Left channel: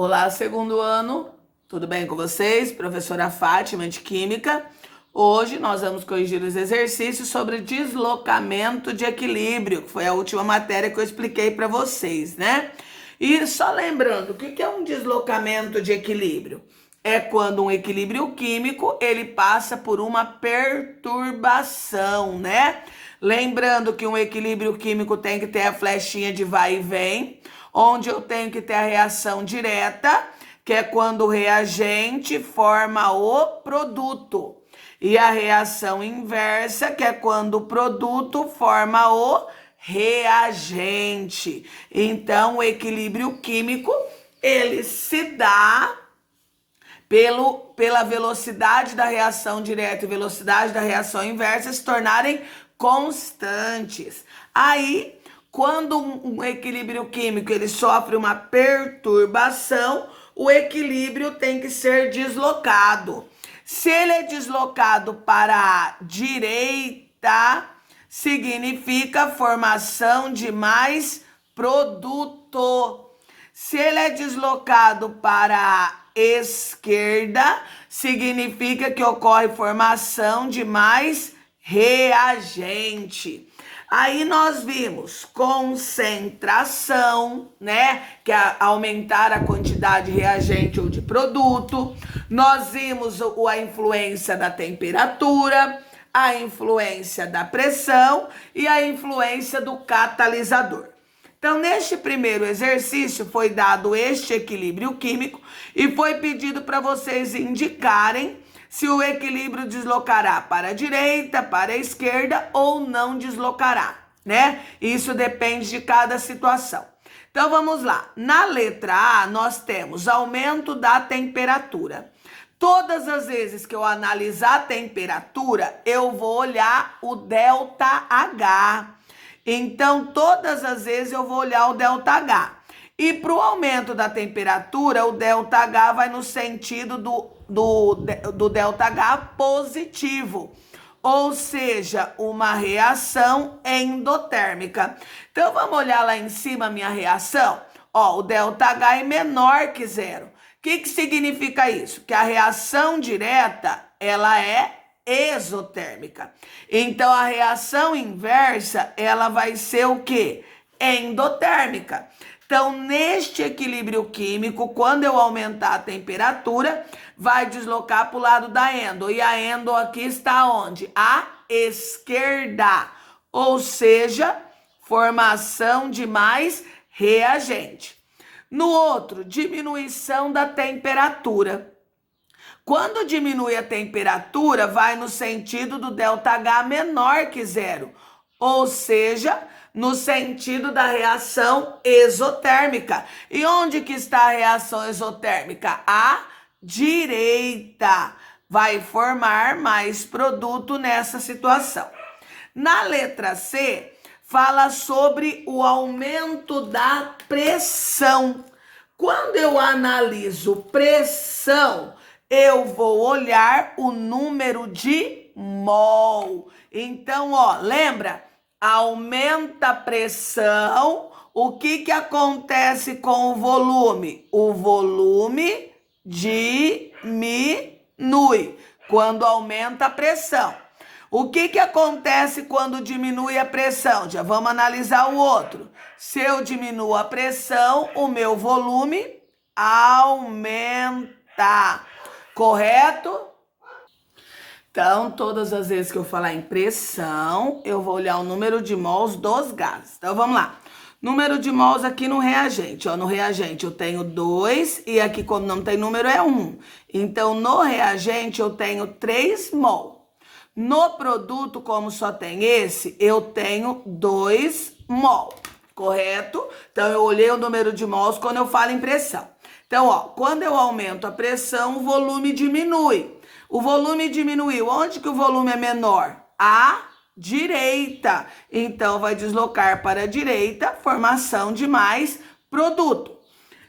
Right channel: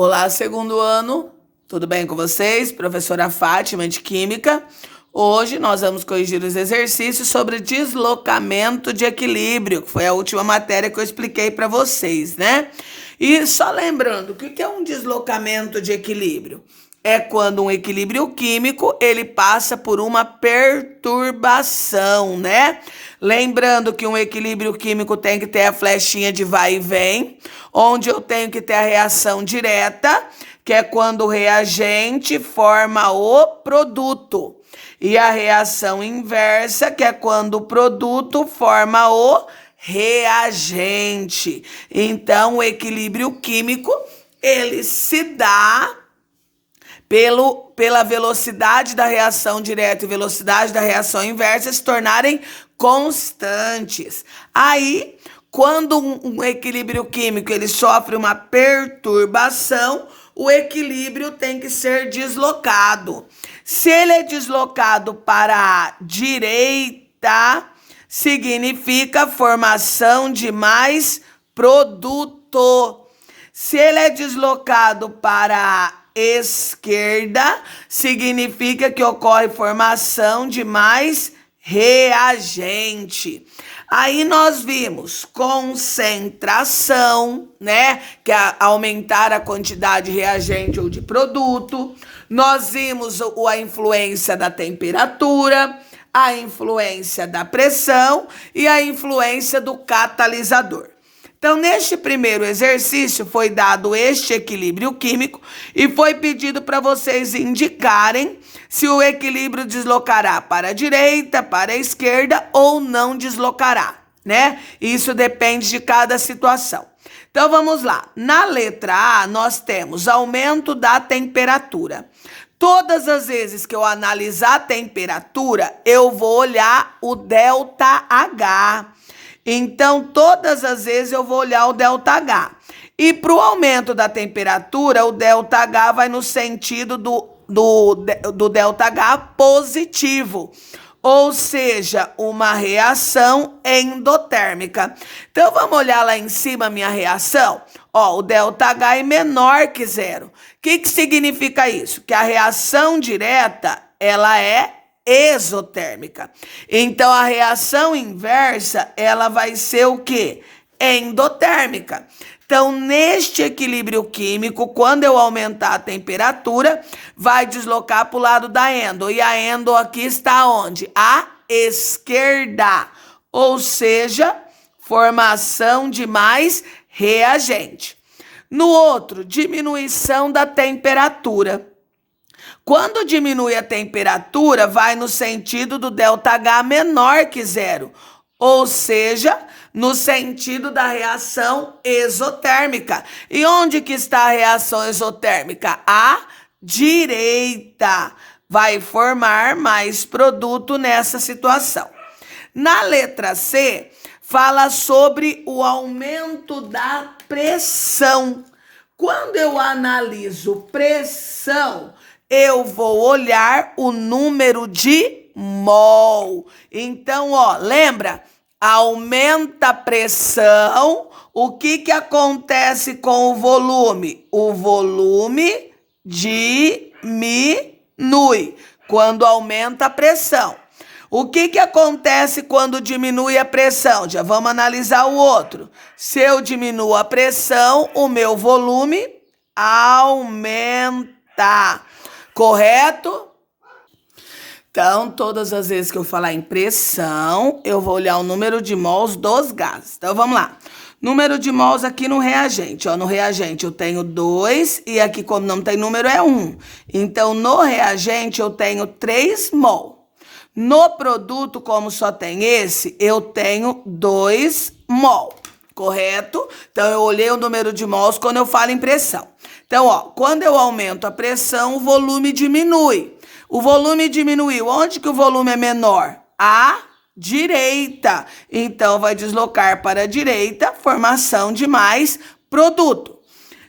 Olá, segundo ano, tudo bem com vocês? Professora Fátima de Química. Hoje nós vamos corrigir os exercícios sobre deslocamento de equilíbrio, que foi a última matéria que eu expliquei para vocês, né? E só lembrando, o que é um deslocamento de equilíbrio? É quando um equilíbrio químico ele passa por uma perturbação, né? Lembrando que um equilíbrio químico tem que ter a flechinha de vai e vem, onde eu tenho que ter a reação direta, que é quando o reagente forma o produto, e a reação inversa, que é quando o produto forma o reagente. Então, o equilíbrio químico ele se dá pela velocidade da reação direta e velocidade da reação inversa se tornarem constantes. Aí, quando um equilíbrio químico ele sofre uma perturbação, o equilíbrio tem que ser deslocado. Se ele é deslocado para a direita, significa formação de mais produto. Se ele é deslocado para a esquerda, significa que ocorre formação de mais reagente. Aí nós vimos concentração, né? Que é aumentar a quantidade de reagente ou de produto. Nós vimos a influência da temperatura, a influência da pressão e a influência do catalisador. Então, neste primeiro exercício, foi dado este equilíbrio químico e foi pedido para vocês indicarem se o equilíbrio deslocará para a direita, para a esquerda ou não deslocará, né? Isso depende de cada situação. Então, vamos lá. Na letra A, nós temos aumento da temperatura. Todas as vezes que eu analisar a temperatura, eu vou olhar o ΔH. Então, todas as vezes eu vou olhar o ΔH. E para o aumento da temperatura, o ΔH vai no sentido do ΔH positivo, ou seja, uma reação endotérmica. Então, vamos olhar lá em cima a minha reação? Ó, o ΔH é menor que zero. O que significa isso? Que a reação direta, ela é exotérmica. Então, a reação inversa, ela vai ser o quê? Endotérmica. Então, neste equilíbrio químico, quando eu aumentar a temperatura, vai deslocar para o lado da endo. E a endo aqui está onde? À esquerda. Ou seja, formação de mais reagente. No outro, diminuição da temperatura. Quando diminui a temperatura, vai no sentido do ΔH menor que zero, ou seja, no sentido da reação exotérmica. E onde que está a reação exotérmica? À direita. Vai formar mais produto nessa situação. Na letra C, fala sobre o aumento da pressão. Quando eu analiso pressão, eu vou olhar o número de mol. Então, ó, lembra? Aumenta a pressão. O que acontece com o volume? O volume diminui quando aumenta a pressão. O que acontece quando diminui a pressão? Já vamos analisar o outro. Se eu diminuo a pressão, o meu volume aumenta. Correto? Então, todas as vezes que eu falar em pressão, eu vou olhar o número de mols dos gases. Então, vamos lá. Número de mols aqui no reagente. Ó, no reagente eu tenho 2 e aqui, como não tem número, é 1. Então, no reagente eu tenho 3 mol. No produto, como só tem esse, eu tenho 2 mol. Correto? Então, eu olhei o número de mols quando eu falo em pressão. Então, ó, quando eu aumento a pressão, o volume diminui. O volume diminuiu. Onde que o volume é menor? À direita. Então, vai deslocar para a direita, formação de mais produto.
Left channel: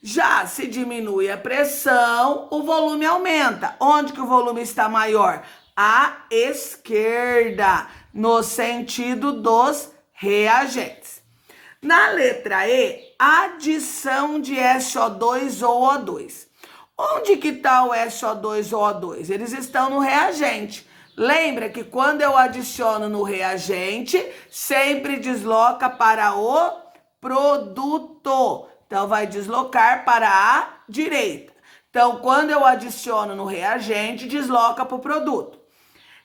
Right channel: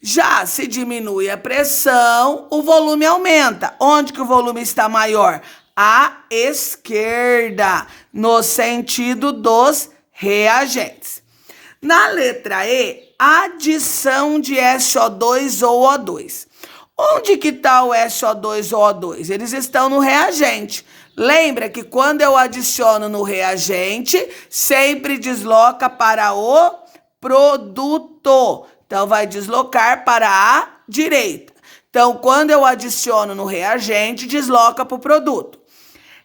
Já se diminui a pressão, o volume aumenta. Onde que o volume está maior? À esquerda, no sentido dos reagentes. Na letra E, adição de SO2 ou O2. Onde que está o SO2 ou O2? Eles estão no reagente. Lembra que quando eu adiciono no reagente, sempre desloca para o produto. Então, vai deslocar para a direita. Então, quando eu adiciono no reagente, desloca para o produto.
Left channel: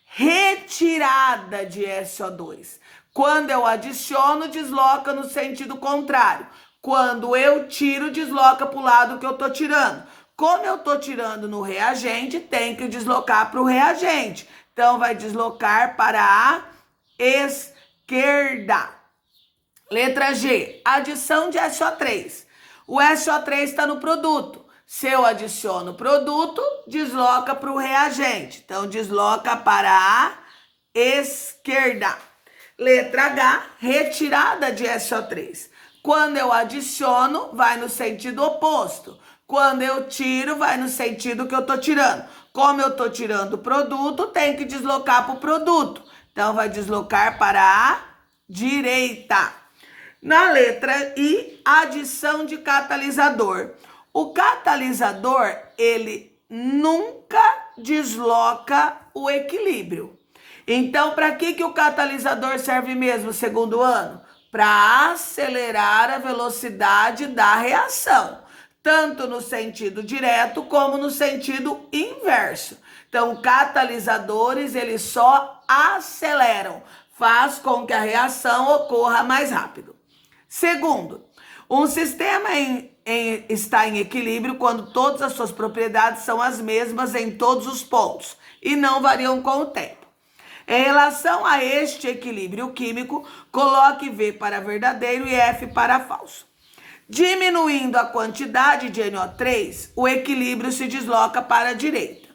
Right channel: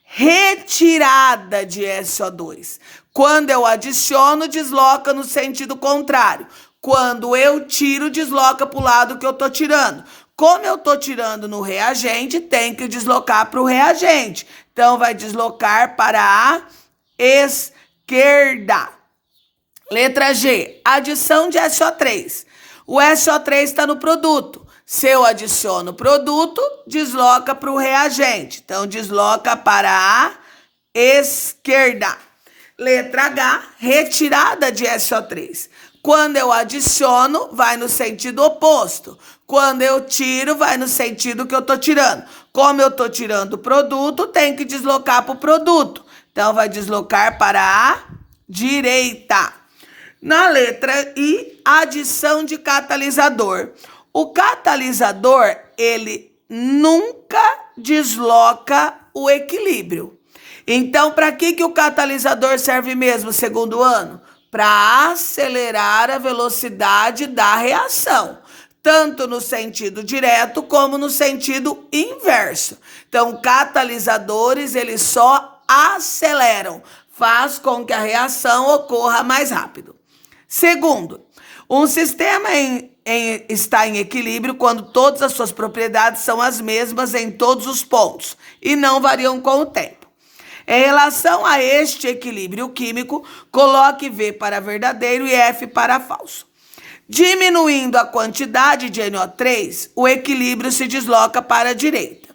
Retirada de SO2. Quando eu adiciono, desloca no sentido contrário. Quando eu tiro, desloca para o lado que eu estou tirando. Como eu estou tirando no reagente, tem que deslocar para o reagente. Então, vai deslocar para a esquerda. Letra G, adição de SO3. O SO3 está no produto. Se eu adiciono produto, desloca para o reagente. Então, desloca para a esquerda. Letra H, retirada de SO3. Quando eu adiciono, vai no sentido oposto. Quando eu tiro, vai no sentido que eu estou tirando. Como eu estou tirando o produto, tem que deslocar para o produto. Então, vai deslocar para a direita. Na letra I, adição de catalisador. O catalisador, ele nunca desloca o equilíbrio. Então, para que o catalisador serve mesmo, segundo ano? Para acelerar a velocidade da reação, tanto no sentido direto como no sentido inverso. Então, catalisadores, eles só aceleram, faz com que a reação ocorra mais rápido. Segundo, um sistema está em equilíbrio quando todas as suas propriedades são as mesmas em todos os pontos e não variam com o tempo. Em relação a este equilíbrio químico, coloque V para verdadeiro e F para falso. Diminuindo a quantidade de NO3, o equilíbrio se desloca para a direita.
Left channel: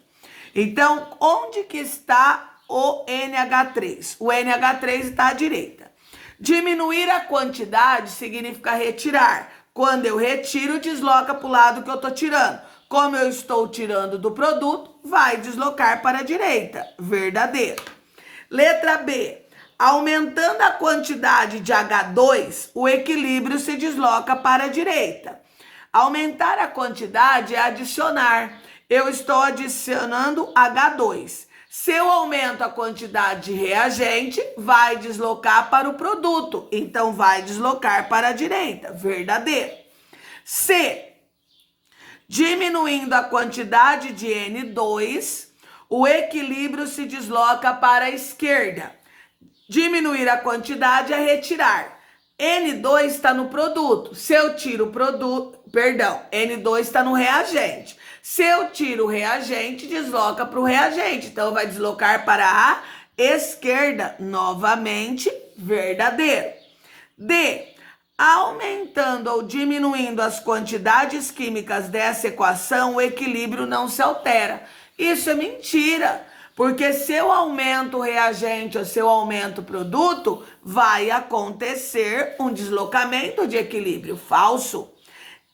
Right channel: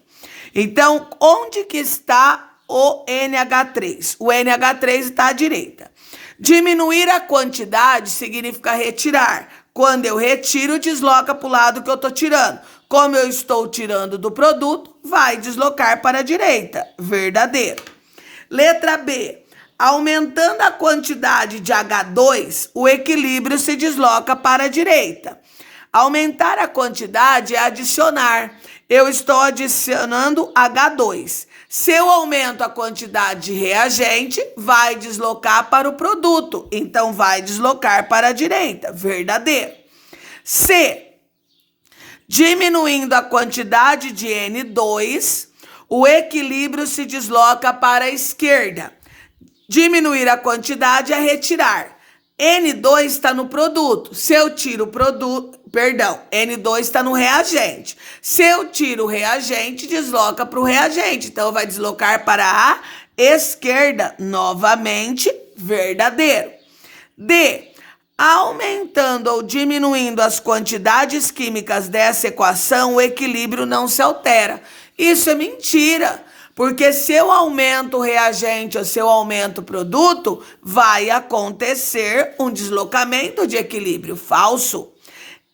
Então, onde que está o NH3? O NH3 está à direita. Diminuir a quantidade significa retirar. Quando eu retiro, desloca para o lado que eu estou tirando. Como eu estou tirando do produto, vai deslocar para a direita. Verdadeiro. Letra B. Aumentando a quantidade de H2, o equilíbrio se desloca para a direita. Aumentar a quantidade é adicionar. Eu estou adicionando H2. Se eu aumento a quantidade de reagente, vai deslocar para o produto. Então, vai deslocar para a direita. Verdadeiro. C. Diminuindo a quantidade de N2, o equilíbrio se desloca para a esquerda. Diminuir a quantidade é retirar. N2 está no produto. Se eu tiro o produto, N2 está no reagente. Se eu tiro o reagente, desloca para o reagente. Então, vai deslocar para a esquerda. Novamente, verdadeiro. D. Aumentando ou diminuindo as quantidades químicas dessa equação, o equilíbrio não se altera. Isso é mentira. Porque se eu aumento o reagente ou se eu aumento o produto, vai acontecer um deslocamento de equilíbrio. Falso.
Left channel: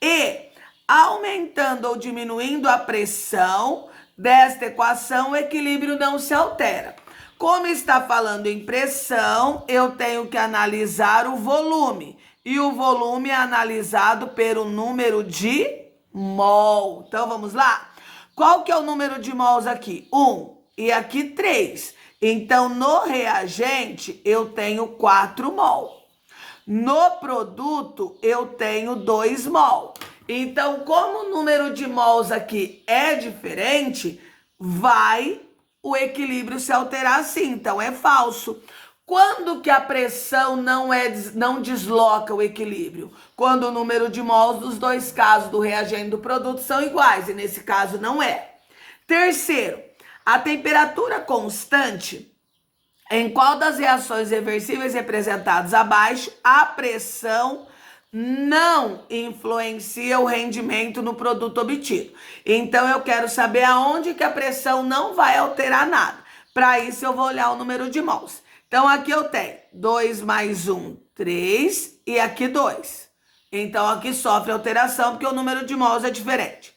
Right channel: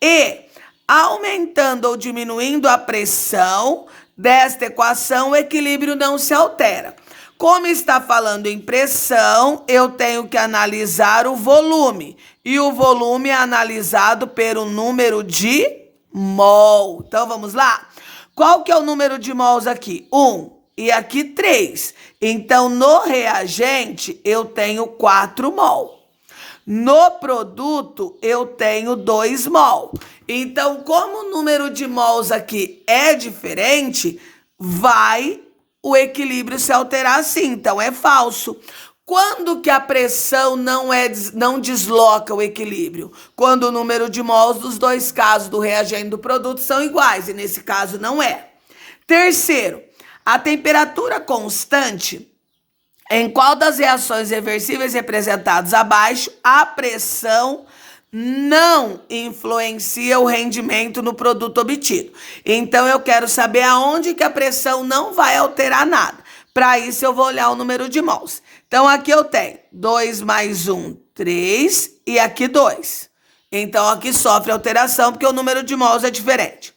E, aumentando ou diminuindo a pressão desta equação, o equilíbrio não se altera. Como está falando em pressão, eu tenho que analisar o volume. E o volume é analisado pelo número de mol. Então, vamos lá? Qual que é o número de mols aqui? 1. E aqui 3. Então, no reagente, eu tenho 4 mol. No produto, eu tenho 2 mol. Então, como o número de mols aqui é diferente, o equilíbrio se alterar assim. Então, é falso. Quando que a pressão não desloca o equilíbrio? Quando o número de mols dos dois casos, do reagente e do produto, são iguais. E nesse caso, não é. Terceiro. A temperatura constante, em qual das reações reversíveis representadas abaixo, a pressão não influencia o rendimento no produto obtido. Então, eu quero saber aonde que a pressão não vai alterar nada. Para isso, eu vou olhar o número de mols. Então, aqui eu tenho 2 mais 1, 3, e aqui 2. Então, aqui sofre alteração, porque o número de mols é diferente.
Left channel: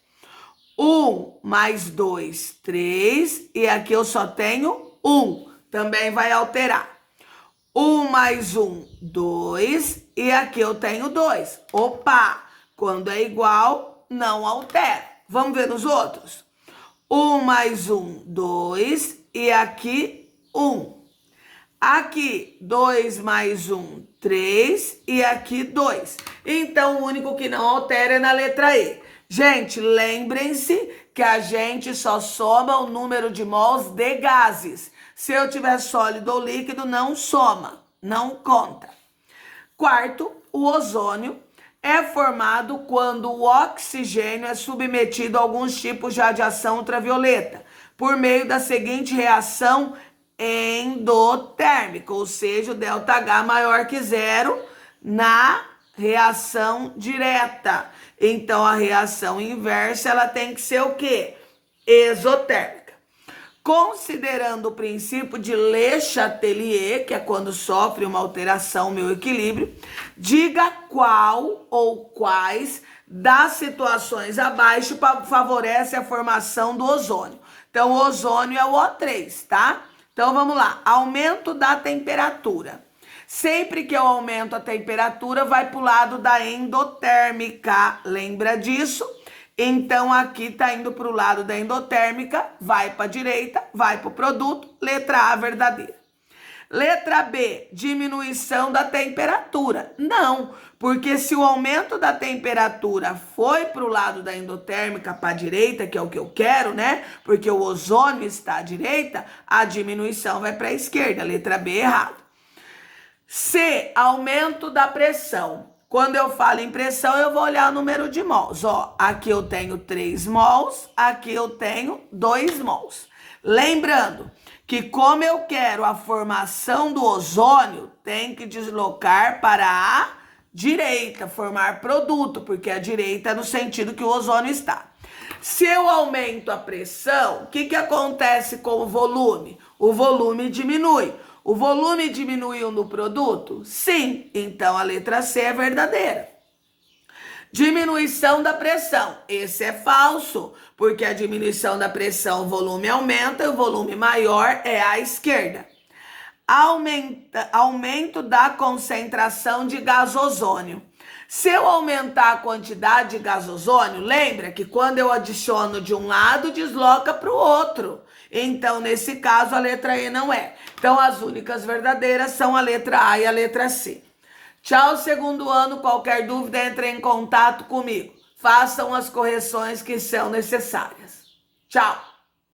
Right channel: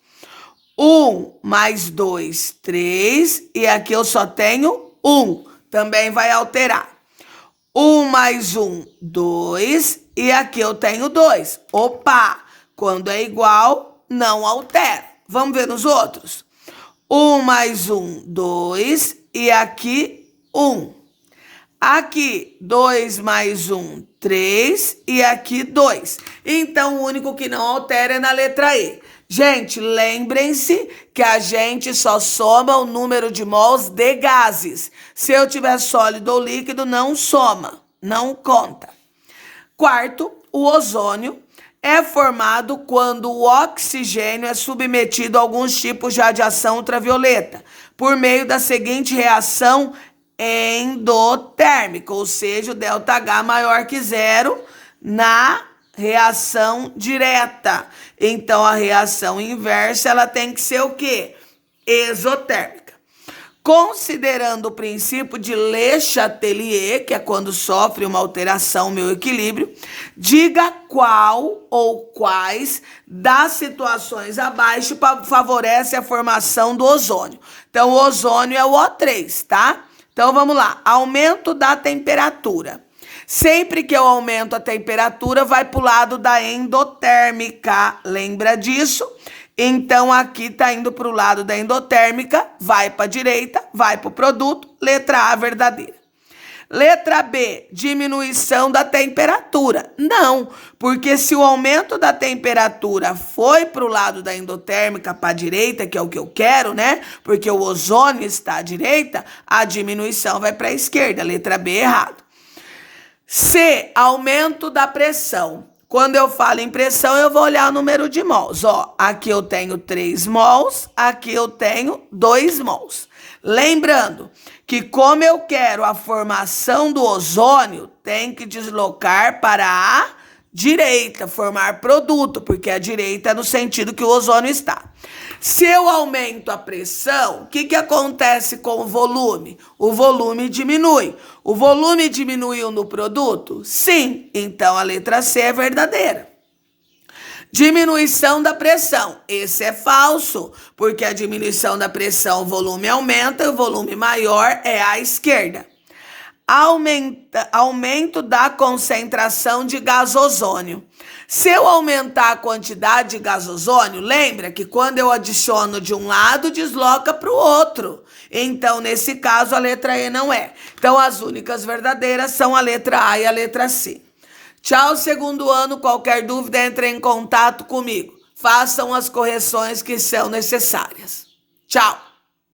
1 mais 2, 3, e aqui eu só tenho 1, também vai alterar. 1 mais 1, 2, e aqui eu tenho 2. Opa! Quando é igual, não altero. Vamos ver nos outros? 1 mais 1, 2, e aqui 1. Aqui, 2 mais 1, 3, e aqui 2. Então, o único que não altera é na letra E. Gente, lembrem-se que a gente só soma o número de mols de gases. Se eu tiver sólido ou líquido, não soma, não conta. Quarto, o ozônio é formado quando o oxigênio é submetido a alguns tipos de radiação ultravioleta, por meio da seguinte reação endotérmica, ou seja, o ΔH maior que 0 na reação direta. Então, a reação inversa, ela tem que ser o quê? Exotérmica. Considerando o princípio de Le Chatelier, que é quando sofre uma alteração meu equilíbrio, diga qual ou quais das situações abaixo favorece a formação do ozônio. Então, o ozônio é o O3, tá? Então, vamos lá. Aumento da temperatura. Sempre que eu aumento a temperatura, vai para o lado da endotérmica. Lembra disso? Então, aqui está indo para o lado da endotérmica, vai para a direita, vai para o produto, letra A verdadeira. Letra B, diminuição da temperatura. Não, porque se o aumento da temperatura foi para o lado da endotérmica, para a direita, que é o que eu quero, né? Porque o ozônio está à direita, a diminuição vai para a esquerda. Letra B, errado. C, aumento da pressão. Quando eu falo em pressão, eu vou olhar o número de mols. Ó, aqui eu tenho 3 mols, aqui eu tenho 2 mols. Lembrando que como eu quero a formação do ozônio, tem que deslocar para a direita, formar produto, porque a direita é no sentido que o ozônio está. Se eu aumento a pressão, o que acontece com o volume? O volume diminui. O volume diminuiu no produto? Sim. Então, a letra C é verdadeira. Diminuição da pressão. Esse é falso, porque a diminuição da pressão, o volume aumenta e o volume maior é à esquerda. Aumento da concentração de gás ozônio. Se eu aumentar a quantidade de gás ozônio, lembra que quando eu adiciono de um lado, desloca para o outro. Então, nesse caso, a letra E não é. Então, as únicas verdadeiras são a letra A e a letra C. Tchau, segundo ano. Qualquer dúvida, entre em contato comigo. Façam as correções que são necessárias. Tchau.